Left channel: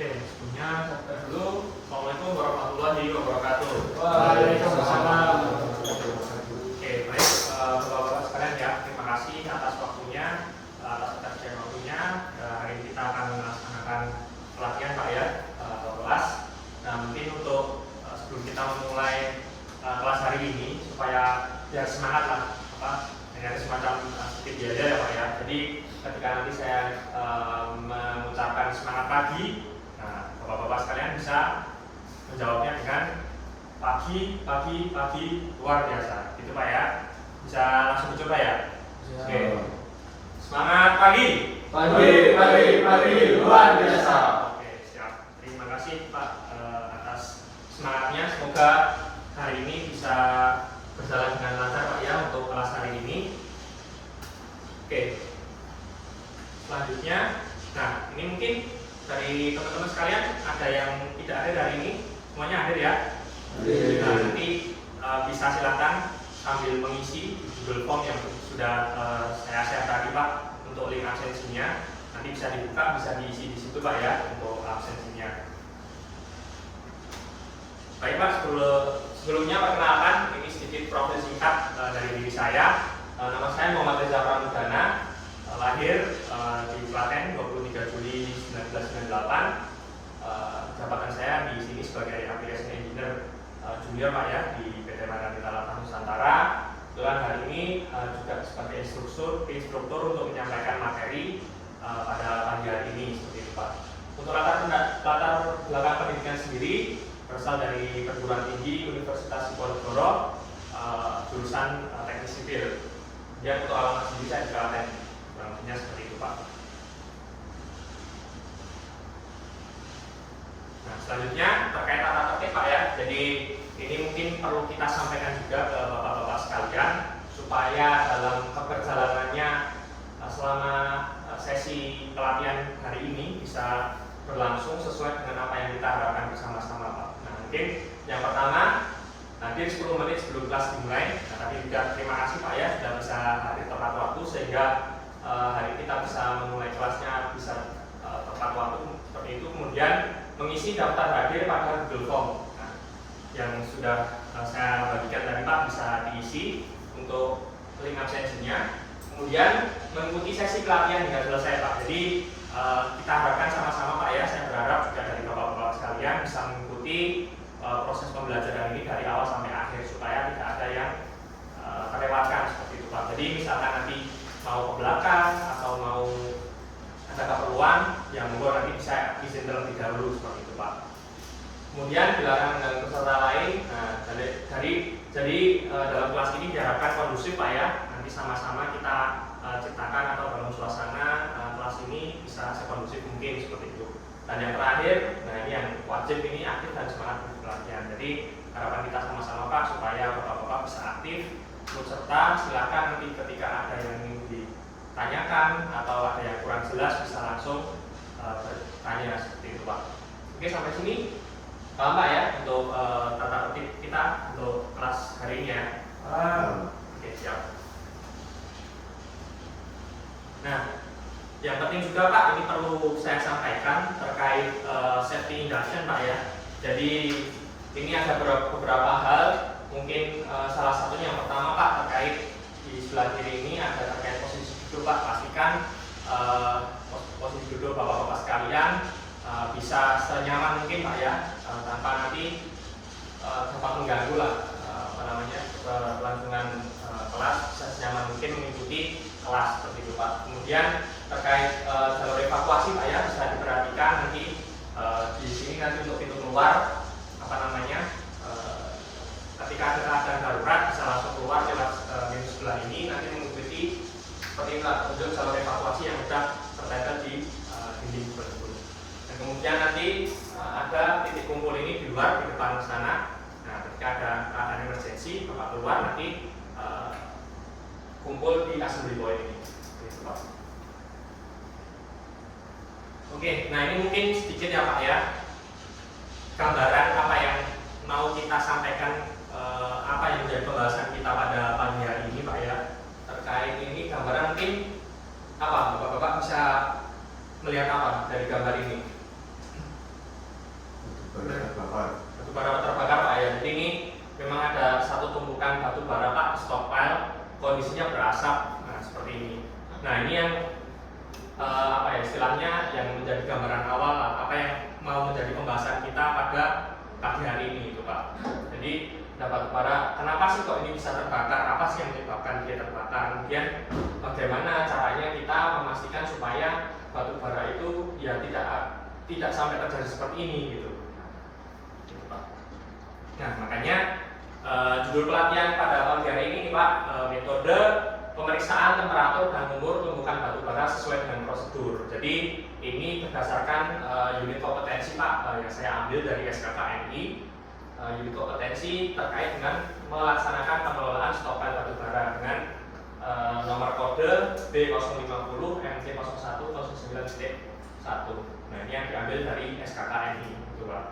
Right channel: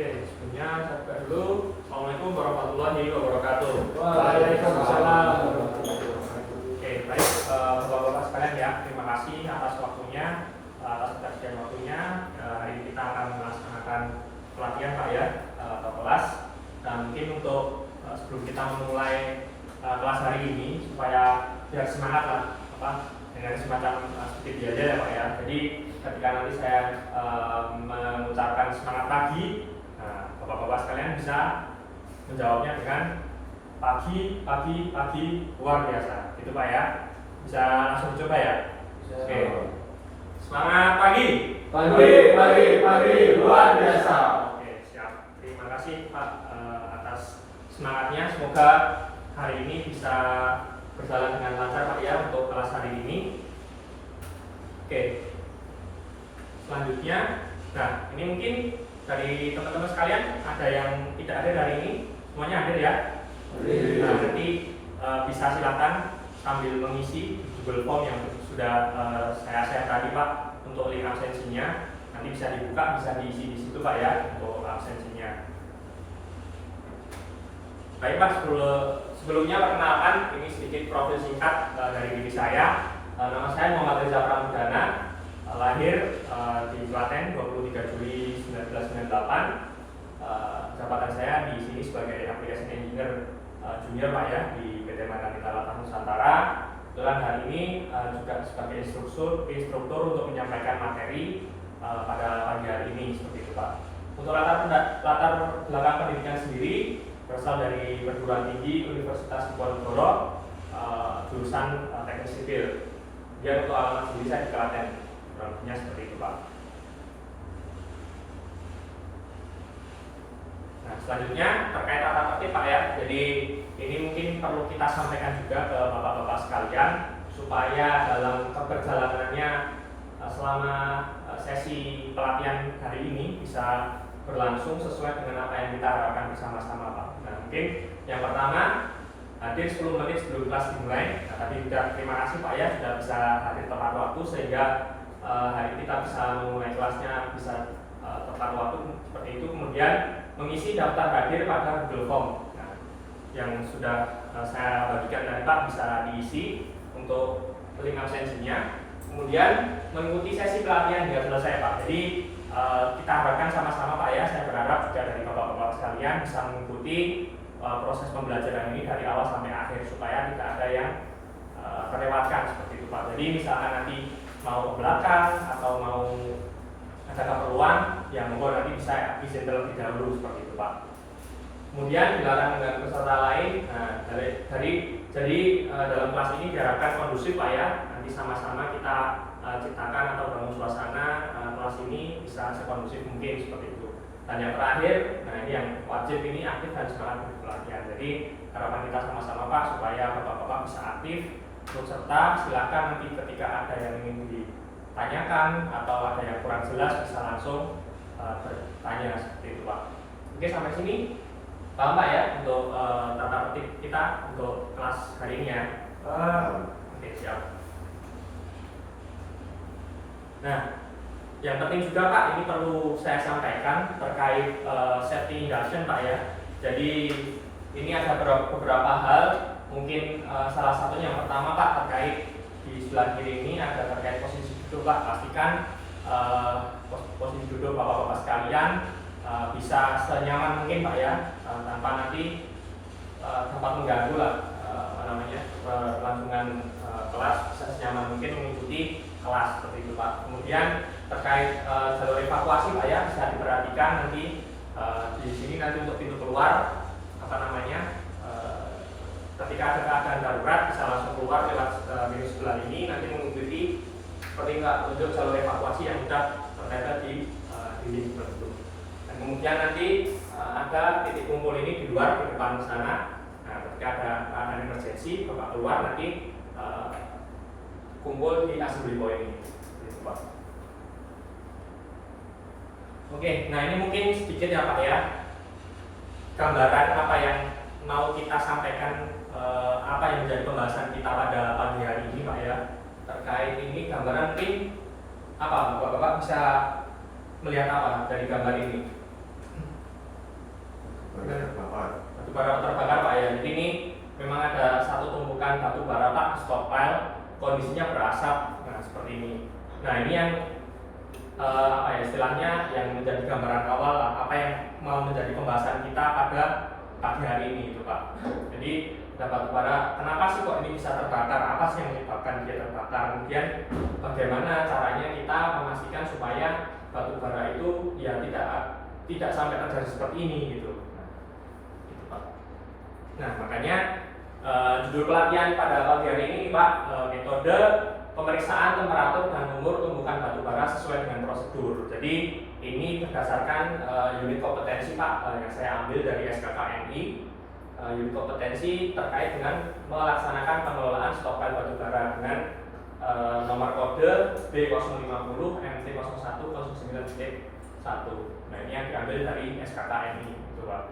Oke, sebelumnya saya buka dulu. Assalamualaikum warahmatullahi wabarakatuh. Waalaikumsalam. Oke, baik, bapak-bapak sekalian ya, terima kasih atas waktunya, atas ketersediaan waktunya. Hari ini kita akan melaksanakan pelatihan Pak ya, atau kelas. Nah, mungkin untuk sebelum kita memulai kelas hari ini, supaya biar semangat lah, dengan semacam sedikit aja ya Pak ya. Jadi ketika nanti saya mengucapkan semangat pagi, nah bapak-bapak sekalian bisa menjawabnya dengan pagi luar biasa, gitu Pak ya. Bisa langsung dicoba ya. Oke. Semangat pagi. Pagi luar biasa. Oke, siap. Terima kasih Pak atas semangatnya. Semoga hari ini bisa berjalan dengan lancar Pak ya untuk kelas hari ini. Oke. Selanjutnya, nah ini mungkin dari teman-teman sekalian ada yang tidak ada hari ini, semuanya hadir ya. Nah nanti bisa silakan sambil mengisi Google Form yang sudah saya share tadi Pak untuk link absensinya. Nanti bisa dibuka, bisa diisi di situ Pak ya untuk absensinya. Baik Pak, sebelumnya perkenalkan ini sedikit profil singkat dari diri saya. Nama saya Muhammad Reza Pramudana, lahir di Klaten 23 Juli 1998. Jabatan saya di sini sebagai application engineer junior Pak ya di PT Margarita Latah Nusantara. Kebetulan hari ini juga sebagai instruktur untuk menyampaikan materi pada pagi hari ini seperti itu Pak. Untuk latar belakang pendidikan sendiri berasal dari perguruan tinggi Universitas Diponegoro, jurusan teknik sipil. Dia untuk alamat sendiri saya di Klaten, kurangnya seperti itu Pak. Nah, selanjutnya terkait tata tertib Pak ya. Jadi ini mungkin perlu kita sampaikan juga ke bapak-bapak sekalian supaya dalam perjalanannya selama sesi pelatihan hari ini bisa berlangsung sesuai dengan apa yang kita harapkan bersama-sama Pak. Nah, mungkin yang pertama hadir 10 menit sebelum kelas dimulai. Nah, tapi juga terima kasih Pak ya sudah bisa hadir tepat waktu sehingga hari kita bisa memulai kelasnya bisa tepat waktu seperti itu. Kemudian mengisi daftar hadir pada Google Form yang sudah saya bagikan tadi Pak, bisa diisi untuk link absensinya. Kemudian mengikuti sesi pelatihan hingga selesai Pak. Jadi kita harapkan sama-sama Pak ya, saya berharap juga dari bapak-bapak sekalian bisa mengikuti proses pembelajaran ini dari awal sampai akhir supaya tidak ada yang terlewatkan seperti itu Pak. Jadi misalkan nanti mau ke belakang atau mau ada keperluan yang monggo nanti bisa izin terlebih dahulu seperti itu Pak. Kemudian dilarang dengan peserta lain. Nah, jadi dalam kelas ini diharapkan kondusif Pak ya. Nanti sama-sama kita ciptakan atau bangun suasana kelas ini bisa sekondusif mungkin seperti itu. Dan yang terakhir, nah ini yang wajib ini aktif dan semangat pelatihan. Jadi harapan kita sama-sama Pak supaya bapak-bapak bisa aktif ikut serta. Silakan nanti ketika ada yang ingin ditanyakan atau ada yang kurang jelas bisa langsung bertanya seperti itu Pak. Oke, sampai sini paham Pak ya untuk tata tertib kita untuk kelas hari ini ya. Oke, siap. Nah, yang penting juga Pak, ini perlu saya sampaikan terkait safety induction Pak ya. Jadi ini ada beberapa hal, mungkin salah satunya yang pertama Pak terkait di sebelah kiri ini ada terkait posisi duduk Pak. Pastikan posisi duduk bapak-bapak sekalian bisa senyaman mungkin Pak ya, tanpa nanti dapat mengganggu lah kelangsungan kelas, bisa senyaman mungkin mengikuti kelas seperti itu Pak. Kemudian terkait jalur evakuasi Pak ya, bisa diperhatikan nanti di sini nanti untuk pintu keluar ketika ada keadaan darurat bisa langsung keluar lewat pintu sebelah ini, nanti mengikuti seperti untuk jalur evakuasi yang sudah tertera di dinding tersebut. Dan kemudian nanti ada titik kumpul ini di luar di depan sana. Nah, ketika ada keadaan emergensi bapak keluar nanti kumpul di assembly point ini. Oke, nah ini mungkin sedikit ya Pak ya, gambaran apa yang mau kita sampaikan, apa yang menjadi pembahasan kita pada pagi hari ini Pak ya. Terkait ini gambaran mungkin apa Bapak-bapak bisa melihat apa dari gambar ini? batu bara terbakar Pak ya. Jadi ini memang ada satu tumpukan batu bara Pak stockpile, kondisinya berasap. Nah seperti ini. Nah ini yang apa ya istilahnya yang menjadi gambaran awal lah, apa yang mau menjadi pembahasan kita pada pagi hari ini itu Pak. Jadi batu bara, kenapa sih kok ini bisa terbakar? Apa sih yang menyebabkan dia terbakar? Kemudian bagaimana caranya kita memastikan supaya batu bara itu ya tidak sampai terjadi seperti ini gitu. Nah makanya judul pelatihan pada pagi hari ini Pak, metode pemeriksaan temperatur dan umur tumbukan batu bara sesuai dengan prosedur. Jadi ini berdasarkan unit kompetensi Pak yang saya ambil dari SKKNI. Unit kompetensi terkait dengan melaksanakan pengelolaan stockpile batu bara dengan nomor kode B050 MT01 09.1. Nah ini yang diambil dari SKKNI itu Pak.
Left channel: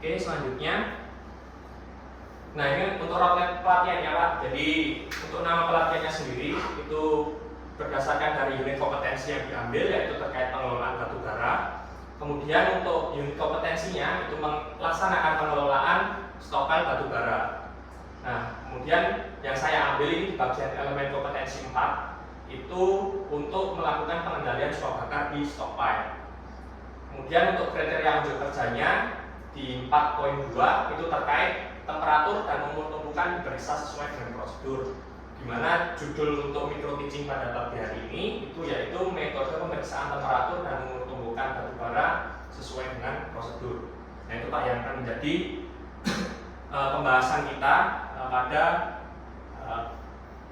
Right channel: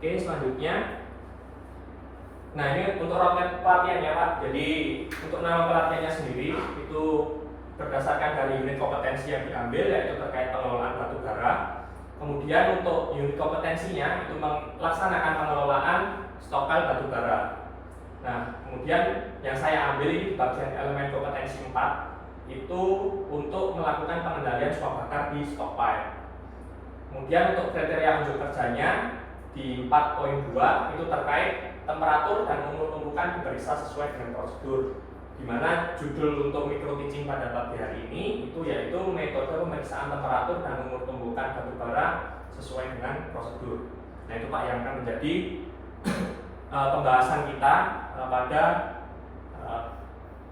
Oke selanjutnya, nah ini untuk roadmap pelatihan ya Pak. Jadi untuk nama pelatihannya sendiri itu berdasarkan dari unit kompetensi yang diambil yaitu terkait pengelolaan batu bara. Kemudian untuk unit kompetensinya itu melaksanakan pengelolaan stockpile batu bara. Nah, kemudian yang saya ambil di bagian elemen kompetensi 4 itu untuk melakukan pengendalian suap bakar di stockpile. Kemudian untuk kriteria unjuk kerjanya di 4.2 itu terkait temperatur dan umur tumbukan diperiksa sesuai dengan prosedur. Di mana judul untuk micro teaching pada pagi hari ini itu yaitu metode pemeriksaan temperatur dan umur tumbukan batu bara sesuai dengan prosedur. Nah itu Pak yang akan menjadi pembahasan kita pada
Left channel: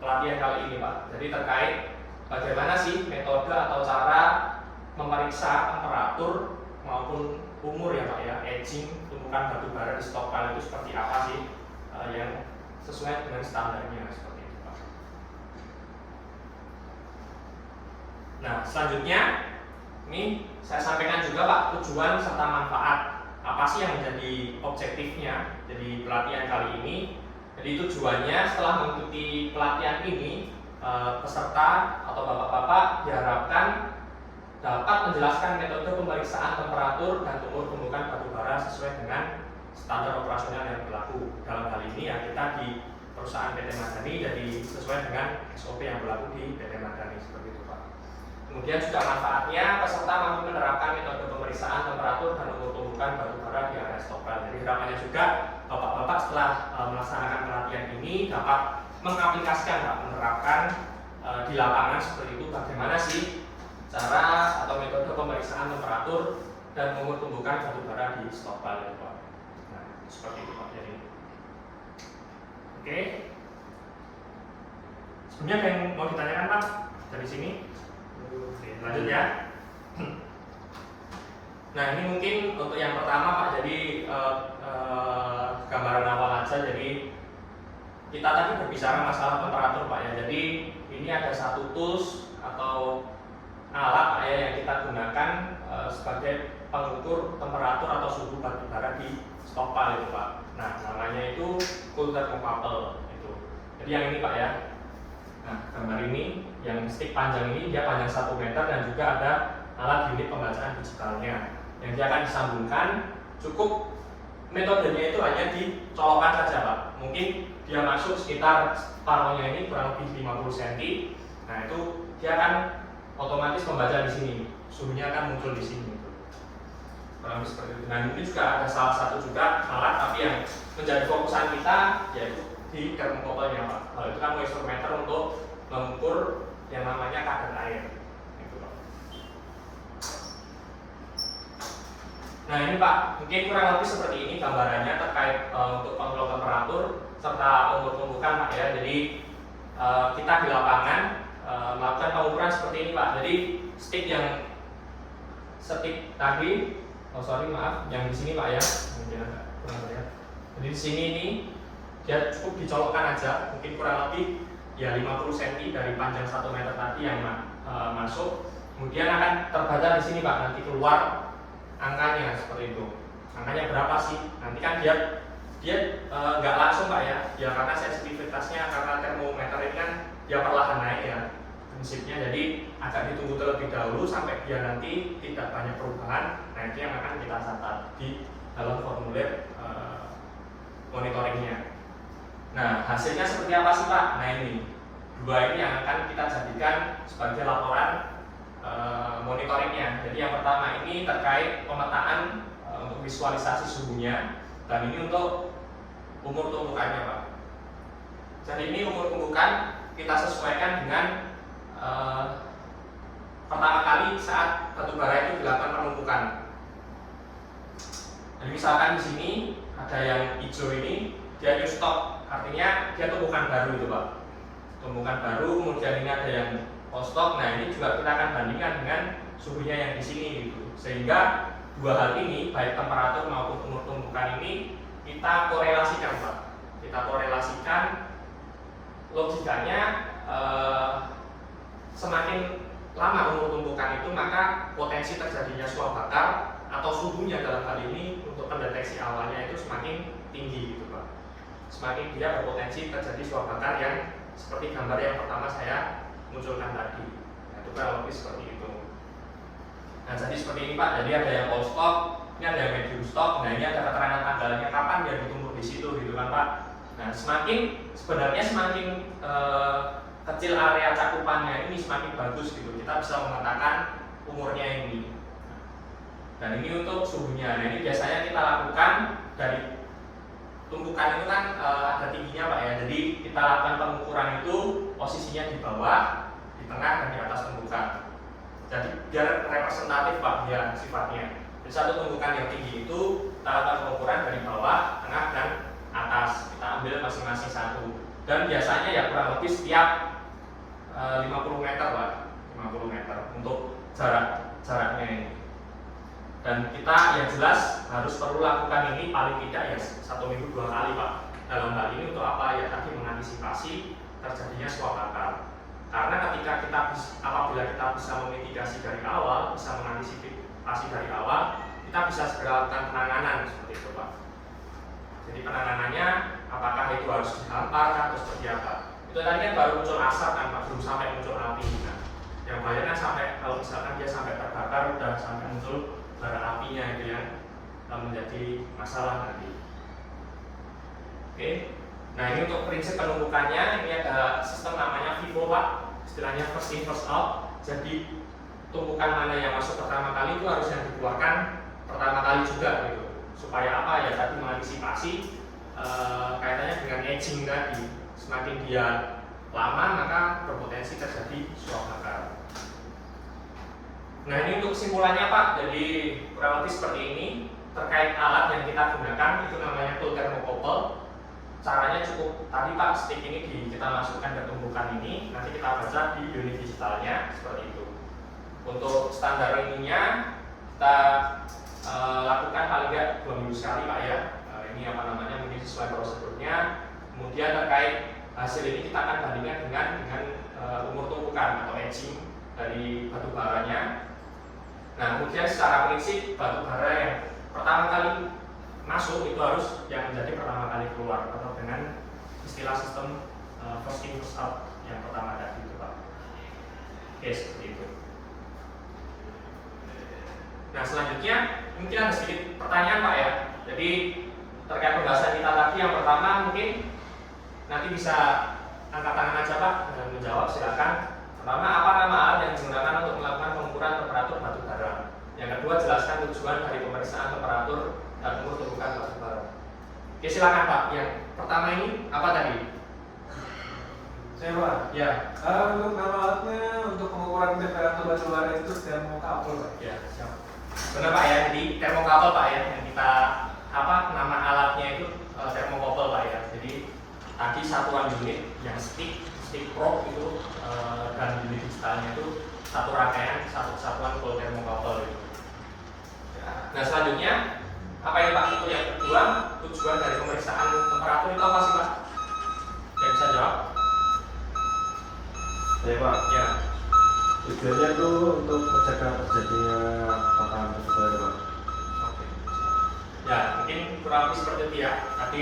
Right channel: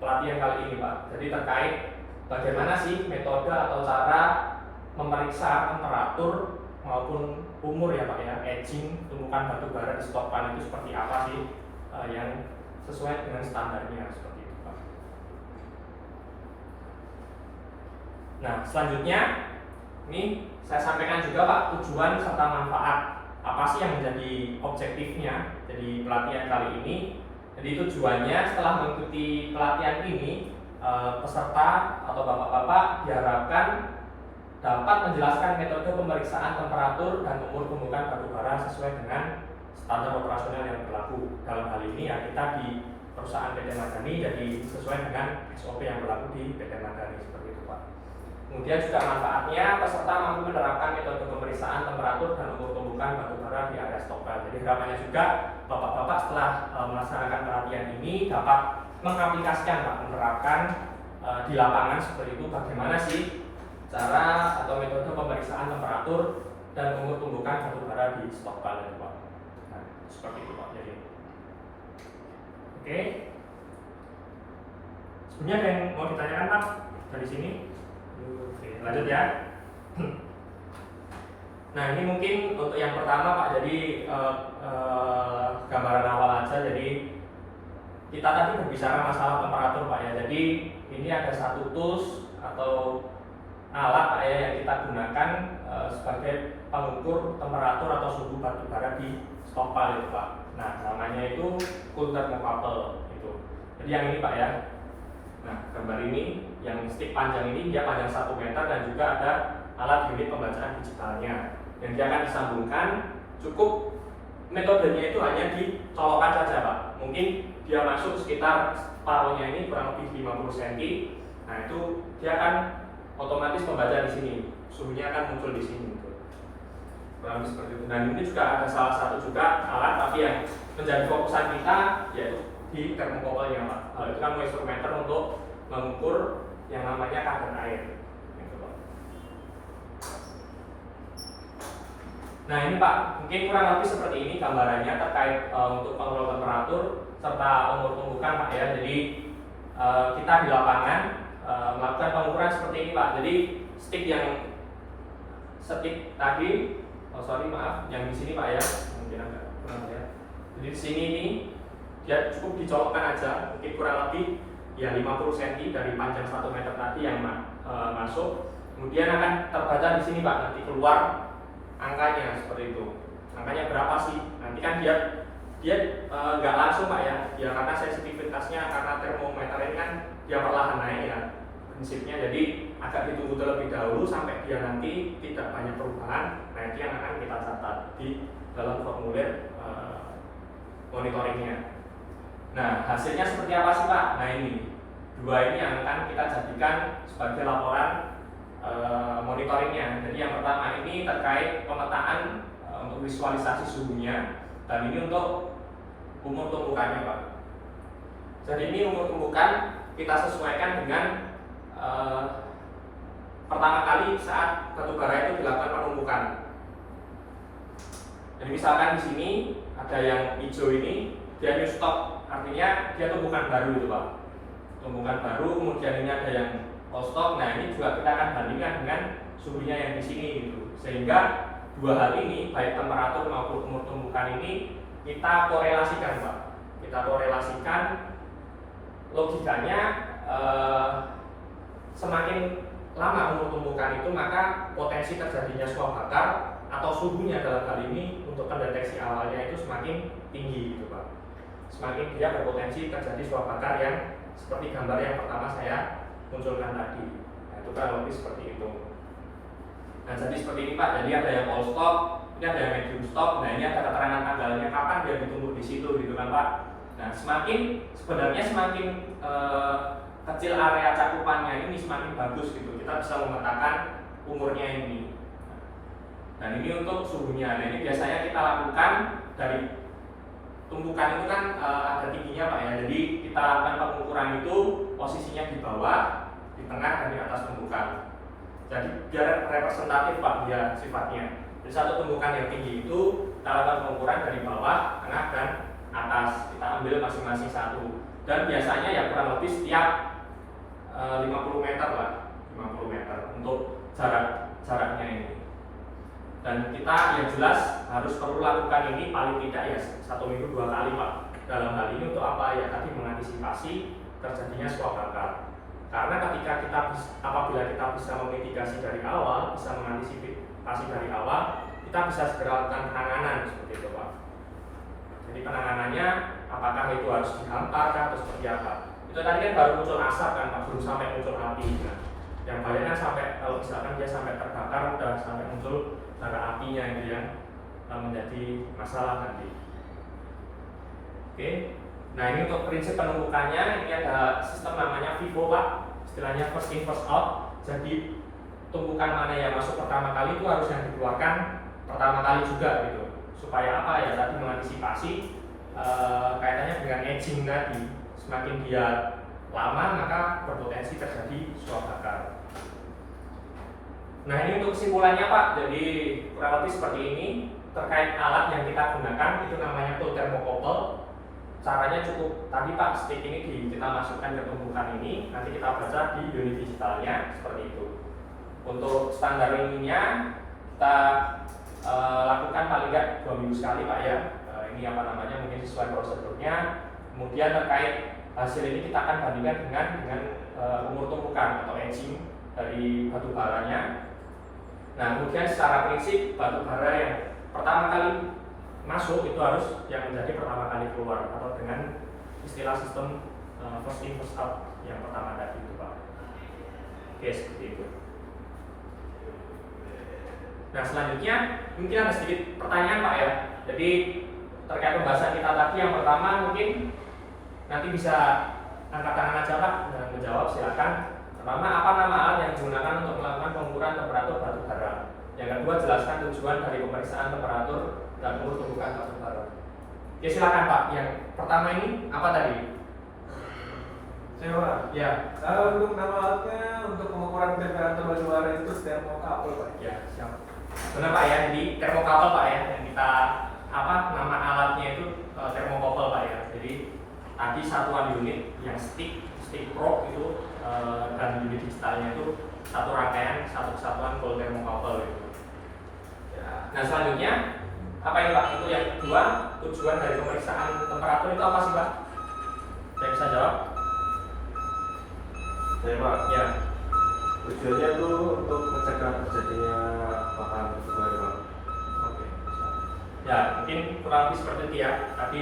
pelatihan kali ini Pak. Jadi terkait bagaimana sih metode atau cara memeriksa temperatur maupun umur ya Pak ya, aging tumbukan batu bara di stockpile itu seperti apa sih yang sesuai dengan standarnya seperti itu Pak. Nah selanjutnya ini saya sampaikan juga Pak tujuan serta manfaat apa sih yang menjadi objektifnya jadi pelatihan kali ini. Jadi tujuannya setelah mengikuti pelatihan ini peserta atau bapak-bapak diharapkan dapat menjelaskan metode pemeriksaan temperatur dan umur tumbukan batu bara sesuai dengan standar operasional yang berlaku. Dalam hal ini ya kita di perusahaan PT Madani jadi sesuai dengan SOP yang berlaku di PT Madani seperti itu Pak. Kemudian juga manfaatnya peserta mampu menerapkan metode pemeriksaan temperatur dan umur tumbukan batu bara di area stockpile. Jadi harapannya juga bapak-bapak setelah melaksanakan pelatihan ini dapat mengaplikasikan Pak, menerapkan di lapangan seperti itu bagaimana sih cara atau metode pemeriksaan temperatur dan umur tumbukan batu bara di stockpile Pak. Nah, seperti itu Pak. Jadi oke. Sebenarnya ada yang mau ditanyakan Pak dari sini? Oke, lanjut ya. Nah ini mungkin untuk yang pertama Pak. Jadi gambaran awal aja. Jadi kita tadi berbicara masalah temperatur Pak ya. Jadi ini ada satu tools atau alat Pak ya yang kita gunakan sebagai pengukur temperatur atau suhu batu bara di stockpile itu Pak. Nah namanya itu cool thermocouple itu. Jadi yang ini Pak ya. Nah gambar ini yang stick panjang ini dia panjang 1 meter dan juga ada alat unit pembacaan digitalnya yang dia akan disambungkan. Cukup metodenya itu hanya dicolokkan saja Pak. Mungkin dia masuk sekitar paruhnya ini kurang lebih 50 cm. Nah itu dia akan otomatis membaca di sini, suhunya akan muncul di sini. Kurang lebih seperti itu. Dan ini juga ada salah satu juga alat tapi yang menjadi fokusan kita yaitu di thermocouple-nya Pak. Itu kan instrumenter untuk mengukur yang namanya kadar air. Nah ini Pak, mungkin kurang lebih seperti ini gambarannya terkait untuk pengelola temperatur serta umur tumbukan Pak ya. Jadi kita di lapangan melakukan pengukuran seperti ini Pak. Jadi stick tadi, yang di sini Pak ya, mungkin agak kurang ya. Jadi di sini ini dia cukup dicolokkan aja, mungkin kurang lebih ya 50 cm dari panjang 1 meter tadi yang masuk. Kemudian akan terbaca di sini Pak, nanti keluar angkanya seperti itu. Angkanya berapa sih? Nanti kan dia nggak langsung Pak ya. Ya karena sensitivitasnya karena termometer ini kan dia perlahan naik ya. prinsipnya. Jadi agak ditunggu terlebih dahulu sampai dia nanti tidak banyak perubahan. Nah itu yang akan kita catat di dalam formulir monitoringnya. Nah hasilnya seperti apa sih Pak? Nah ini dua ini yang akan kita jadikan sebagai laporan monitoringnya. Jadi yang pertama ini terkait pemetaan untuk visualisasi suhunya, dan ini untuk umur tumbukannya Pak. Jadi ini umur tumbukan kita sesuaikan dengan pertama kali saat batu bara itu dilakukan penumpukan. Jadi misalkan di sini ada yang hijau ini dia new stock, artinya dia tumbukan baru itu Pak. Tumbukan baru, kemudian ini ada yang old stock. Nah ini juga kita akan bandingkan dengan suhunya yang di sini gitu. Sehingga dua hal ini baik temperatur maupun umur tumbukan ini kita korelasikan Pak. Kita korelasikan, logikanya semakin lama umur tumbukan itu maka potensi terjadinya suap bakar atau suhunya dalam hal ini untuk pendeteksi awalnya itu semakin tinggi gitu Pak. Semakin dia berpotensi terjadi suap bakar yang seperti gambar yang pertama saya munculkan tadi. Nah, itu kan lebih seperti itu. Nah jadi seperti ini Pak, jadi ada yang old stock, ini ada yang medium stock. Nah ini ada keterangan tanggalnya kapan dia ditumbuh di situ gitu kan Pak. Nah sebenarnya semakin kecil area cakupannya ini semakin bagus gitu. Kita bisa memetakan umurnya ini. Dan ini untuk suhunya. Nah ini biasanya kita lakukan dari tumpukan itu kan ada tingginya Pak ya. Jadi kita lakukan pengukuran itu posisinya di bawah, di tengah dan di atas tumpukan. Jadi biar representatif Pak dia sifatnya. Jadi satu tumpukan yang tinggi itu kita lakukan pengukuran dari bawah, tengah dan atas. Kita ambil masing-masing satu. Dan biasanya ya kurang lebih setiap 50 meter Pak, 50 meter untuk jaraknya ini. Dan kita yang jelas harus perlu lakukan ini paling tidak ya 1 minggu 2 kali Pak. Dalam hal ini untuk apa ya, tadi mengantisipasi terjadinya suap bakar. Karena apabila kita bisa memitigasi dari awal, bisa mengantisipasi dari awal, kita bisa segera lakukan penanganan seperti itu Pak. Jadi penanganannya apakah itu harus dihantar atau seperti apa? Itu tadi kan baru muncul asap kan Pak, belum sampai muncul api. Nah, yang bahaya kan sampai kalau misalkan dia sampai terbakar udah sampai muncul bara apinya itu yang menjadi masalah nanti. Oke. Nah ini untuk prinsip penumpukannya, ini ada sistem namanya FIFO Pak, istilahnya first in first out. Jadi tumpukan mana yang masuk pertama kali itu harus yang dikeluarkan pertama kali juga gitu. Supaya apa ya, tadi mengantisipasi kaitannya dengan aging tadi. Semakin dia lama maka berpotensi terjadi suap bakar. Nah ini untuk kesimpulannya Pak, jadi kurang lebih seperti ini. Terkait alat yang kita gunakan itu namanya full thermocouple. Caranya cukup tadi Pak, stick ini kita masukkan ke tumpukan ini, nanti kita baca di unit digitalnya seperti itu. Untuk standar ininya kita lakukan paling nggak 2 minggu sekali Pak ya. Ini apa namanya, mungkin sesuai prosedurnya. Kemudian terkait hasil ini kita akan bandingkan dengan umur tumpukan atau aging dari batu baranya. Nah kemudian secara prinsip batu bara yang pertama kali masuk itu harus yang menjadi pertama kali keluar, atau dengan istilah sistem first in first out yang pertama tadi itu Pak. Oke seperti itu. Nah selanjutnya mungkin ada sedikit pertanyaan Pak ya. Jadi terkait pembahasan kita tadi, yang pertama mungkin nanti bisa angkat tangan aja Pak dan menjawab, silakan. Pertama, apa nama alat yang digunakan untuk melakukan pengukuran temperatur batu bara? Yang kedua, jelaskan tujuan dari pemeriksaan temperatur dan umur tumpukan batu bara. Oke silakan Pak. Yang pertama ini apa tadi? Saya Pak. Ya. Untuk nama alatnya untuk pengukuran temperatur batu bara itu thermocouple Pak. Ya siap. Benar Pak ya. Jadi thermocouple Pak ya, yang kita nama alatnya itu thermocouple Pak ya. Jadi tadi satuan unit yang stick probe itu dan unit digitalnya itu satu rangkaian, satu kesatuan full thermocouple itu. Nah selanjutnya apa ya Pak? Itu yang kedua, tujuan dari pemeriksaan temperatur itu apa sih Pak? Saya bisa jawab? Ya Pak, Ya. tujuannya itu untuk mencegah terjadinya bakaran batu bara Pak. Oke. Ya mungkin kurang lebih seperti itu ya. Tapi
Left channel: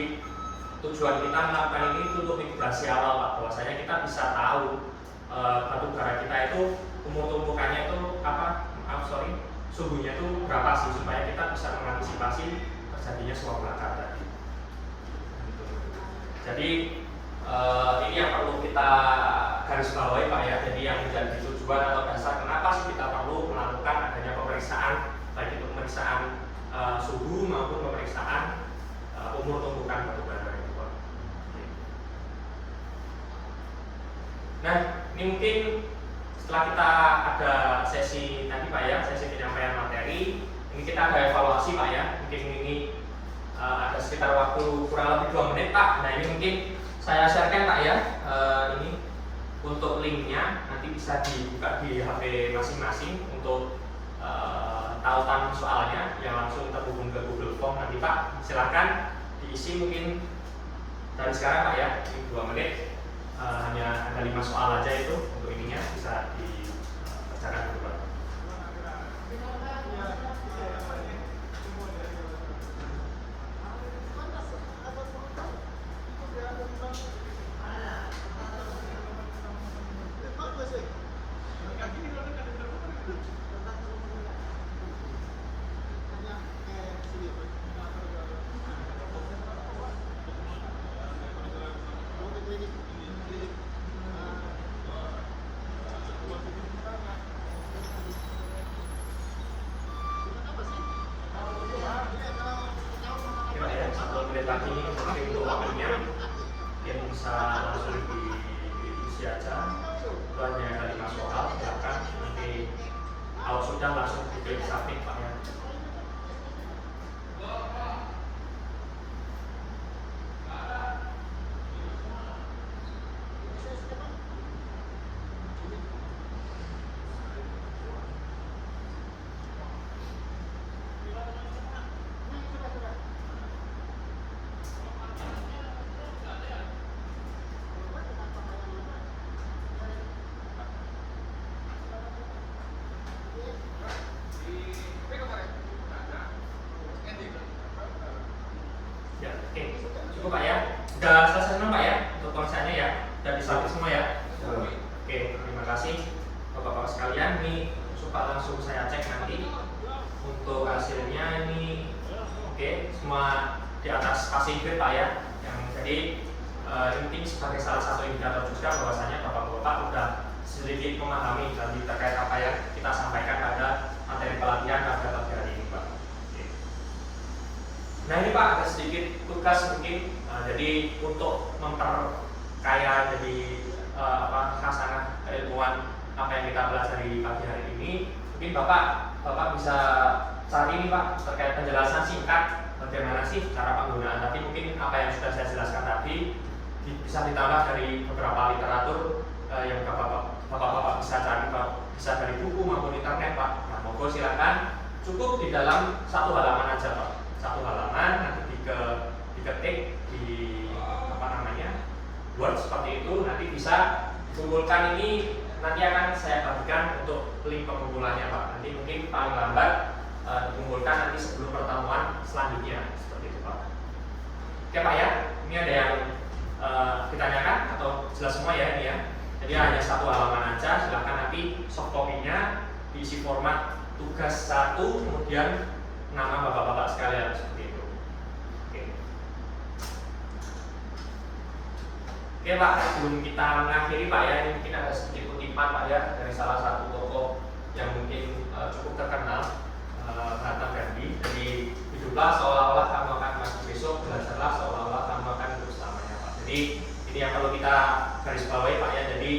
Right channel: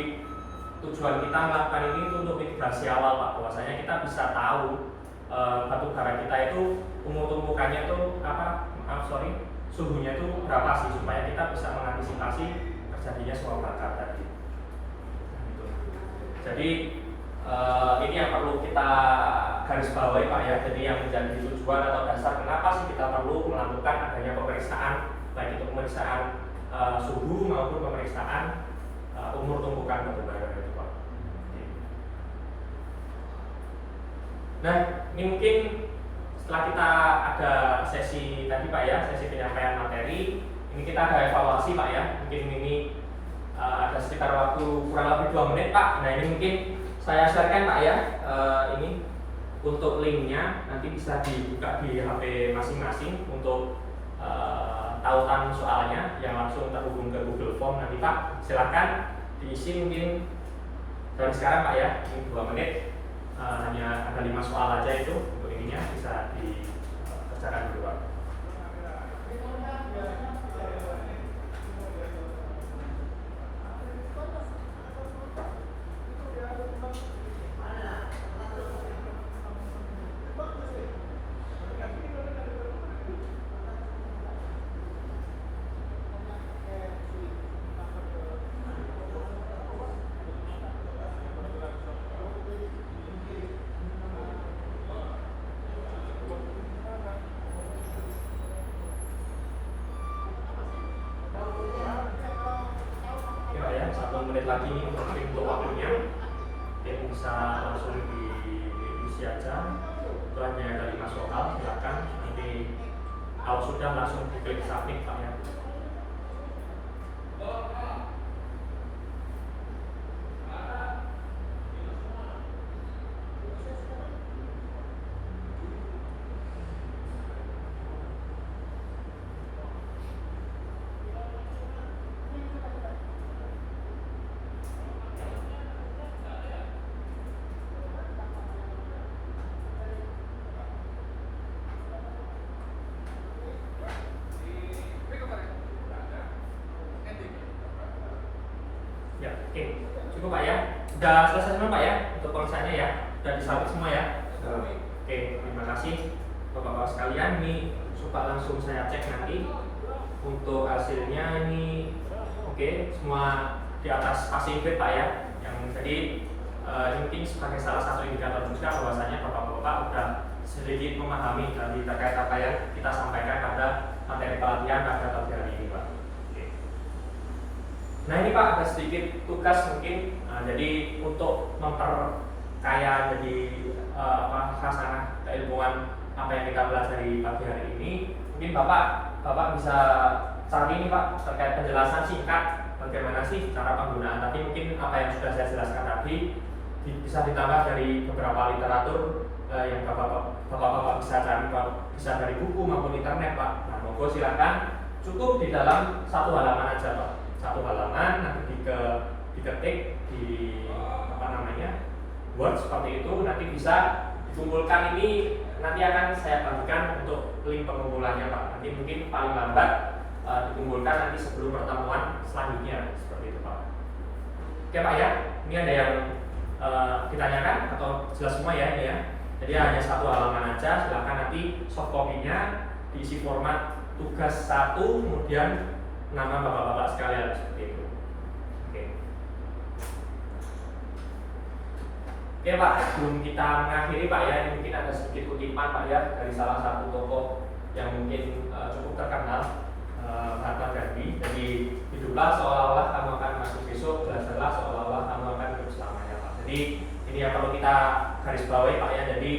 tujuan kita melakukan ini untuk mitigasi awal Pak, bahwasanya kita bisa tahu batu bara kita itu umur tumpukannya itu suhunya itu berapa sih, supaya kita bisa mengantisipasi terjadinya suap bakar tadi. Jadi ini yang perlu kita garis bawahi Pak ya. Jadi yang menjadi tujuan atau dasar kenapa sih kita perlu melakukan adanya pemeriksaan, baik itu pemeriksaan suhu maupun pemeriksaan umur tumpukan batu bara itu Pak. Nah, ini mungkin setelah kita ada sesi tadi Pak ya, sesi penyampaian materi, ini kita ada evaluasi Pak ya. Mungkin ini ada sekitar waktu kurang lebih 2 menit Pak. Nah, ini mungkin saya sharekan Pak ya, ini untuk linknya nanti bisa dibuka di HP masing-masing untuk tautan soalnya yang langsung terhubung ke Google Form nanti Pak. Silahkan diisi mungkin dari sekarang Pak ya, ini 2 menit. Hanya ada 5 soal aja itu untuk ininya, bisa dikerjakan dulu Pak. Lagi ini mungkin untuk waktunya mungkin bisa langsung diisi aja. Itu hanya ada 5 soal, silakan nanti kalau sudah langsung diklik submit Pak ya. Ya, oke. Cukup Pak ya. Sudah selesai semua Pak ya untuk pemeriksanya ya. Sudah disubmit semua ya. Oke, terima kasih Bapak-bapak sekalian. Ini suka langsung saya cek nanti untuk hasilnya ini. Oke, semua di atas passing grade Pak ya. Yang jadi ini mungkin sebagai salah satu indikator juga bahwasanya Bapak-bapak sudah sedikit memahami tadi terkait apa yang kita sampaikan pada materi pelatihan pada pagi hari ini Pak. Nah ini Pak ada sedikit tugas mungkin, jadi untuk memperkaya jadi khasanah keilmuan apa yang kita pelajari pagi hari ini, mungkin Bapak bisa cari ini Pak terkait penjelasan singkat bagaimana sih cara penggunaan. Tapi mungkin apa yang sudah saya jelaskan tadi bisa ditambah dari beberapa literatur yang Bapak bisa cari Pak, bisa dari buku maupun internet Pak. Nah monggo silakan, cukup di dalam 1 halaman aja Pak. 1 halaman nanti diketik di Word seperti itu, nanti bisa dikumpulkan. Ini nanti akan saya bagikan untuk link pengumpulannya Pak. Nanti mungkin paling lambat dikumpulkan nanti sebelum pertemuan selanjutnya seperti itu Pak. Oke Pak ya, ini ada yang ditanyakan atau jelas semua ya ini ya. Jadi hanya 1 halaman aja, silakan nanti soft copy-nya diisi format tugas 1 kemudian nama Bapak-bapak sekalian seperti itu. Oke Pak, sebelum kita mengakhiri Pak ya, ini mungkin ada sedikit kutipan Pak ya dari salah satu tokoh yang mungkin cukup terkenal, Mahatma Gandhi. Jadi hiduplah seolah-olah kamu akan mati besok, belajarlah seolah-olah kamu akan hidup selamanya Pak. Jadi ini yang perlu kita garis bawahi Pak ya. Jadi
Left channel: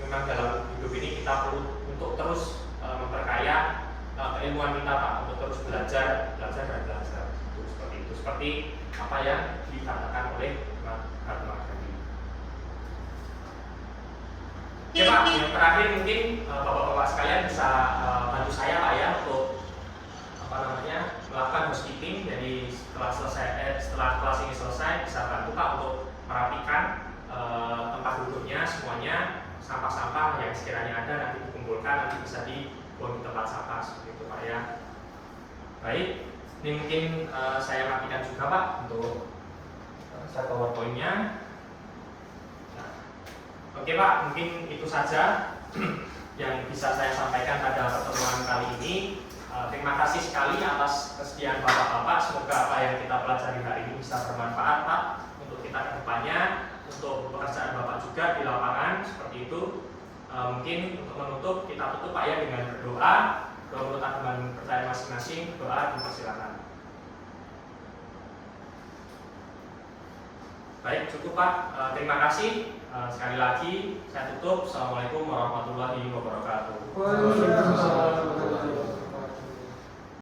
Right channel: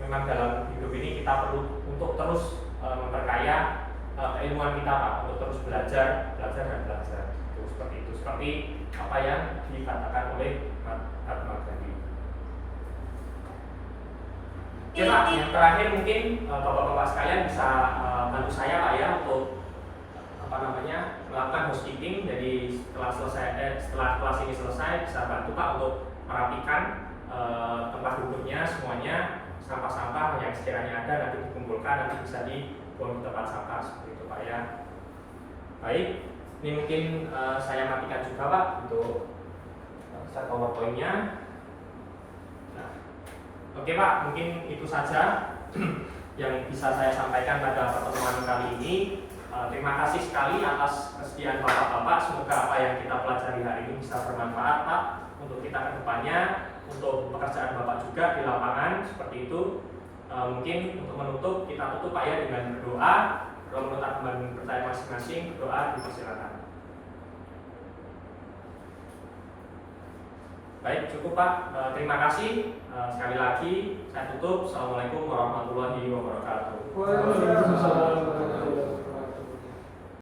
memang dalam hidup ini kita perlu untuk terus memperkaya keilmuan kita Pak, untuk terus belajar dan belajar. Itu seperti apa yang dikatakan oleh Mahatma Gandhi. Oke Pak, yang terakhir mungkin Bapak-bapak sekalian bisa bantu saya Pak ya untuk melakukan housekeeping. Jadi setelah kelas ini selesai bisa bantu Pak untuk merapikan tempat duduknya semuanya, sampah-sampah yang sekiranya ada nanti dikumpulkan, nanti bisa dibuang di tempat sampah seperti itu Pak ya. Baik, ini mungkin saya matikan juga Pak untuk start PowerPoint-nya. Oke Pak, mungkin itu saja yang bisa saya sampaikan pada pertemuan kali ini. Terima kasih sekali atas kesediaan Bapak-Bapak. Semoga apa yang kita pelajari hari ini bisa bermanfaat Pak untuk kita ke depannya, untuk pekerjaan Bapak juga di lapangan seperti itu. Mungkin untuk menutup, kita tutup Pak ya dengan berdoa. Berdoa menurut teman percaya masing-masing, berdoa dipersilakan. Baik, cukup Pak. Terima kasih. Sekali lagi saya tutup. Assalamualaikum warahmatullahi wabarakatuh. Waalaikumsalam warahmatullahi wabarakatuh.